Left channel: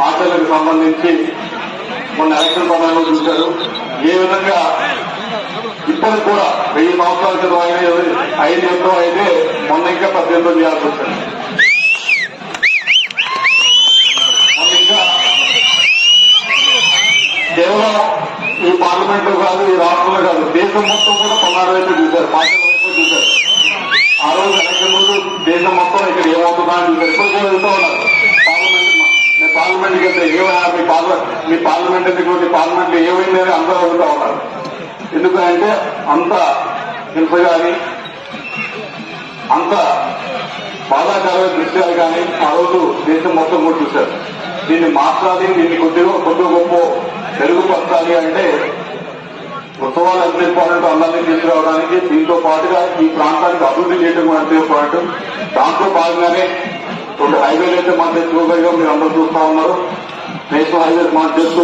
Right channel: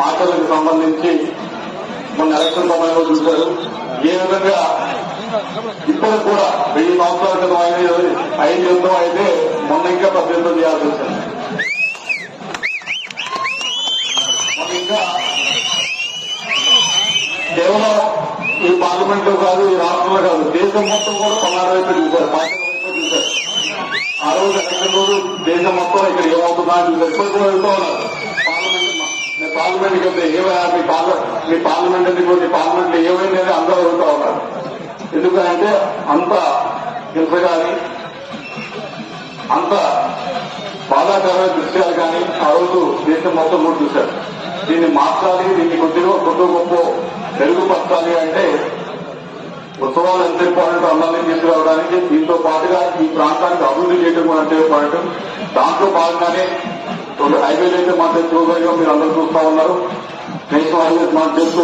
మాటలకు సంబంధించి మొన్న ఎలక్షన్ సమయంలో చూశారు. ఏ విధంగా ఇప్పటికి కూడా వెయ్యి సంవత్సరాల క్రితం అయిన ఐదు ఎంతో అయితే మొన్న ఇంకా పద్దెనిమిది చేయాల్సి వచ్చింది మొన్న ఇంకా కేవలం ఈ పార్లమెంట్లో కాదు ఈ రాష్ట్రంలో కాదు దేశం మొత్తం కూడా పల్నాడు వైపు చూశారు. పార్టీ వైపు చూశారు. ఆ రోజు ఎలక్షన్ రోజు దేశం మొత్తం ఇక్కడ ఏమవుతుందా అని చెప్పి ఇప్పటికీ వెళ్తూ ఉన్నారు. పార్లమెంట్ కంటే ఏమైనా మీ పార్లమెంట్ మీ పార్లమెంట్ ఎందుకు పార్లమెంట్ ఏమైంది అని అందరూ అడుగుతా ఉన్నారు. ఎందుకంటే అంత హింస కానీ అంత బాధాకరమైన దృశ్యాలు కానీ ఆ రోజు దేశం మొత్తం కూడా చూశారు. దీన్ని మార్చాలి దీన్ని కొద్దిగా కొద్ది గొప్ప మెరుగుపరచాలి అంటే ఉత్సవాలు ఎంత ఇంపార్టెంట్ అందరినీ తీసుకురావడానికి దీంతో పాటుగా ఈ ప్రాంతానికి అభివృద్ధి చేయడం అంటే అంతే ఇంపార్టెంట్. భాగంగానే రెండు హైవేలు అయితే మాకు చూడగా మీరు అందరూ చూస్తా ఉన్నారు. నేషనల్ హైవేస్ మాకు తెలుసు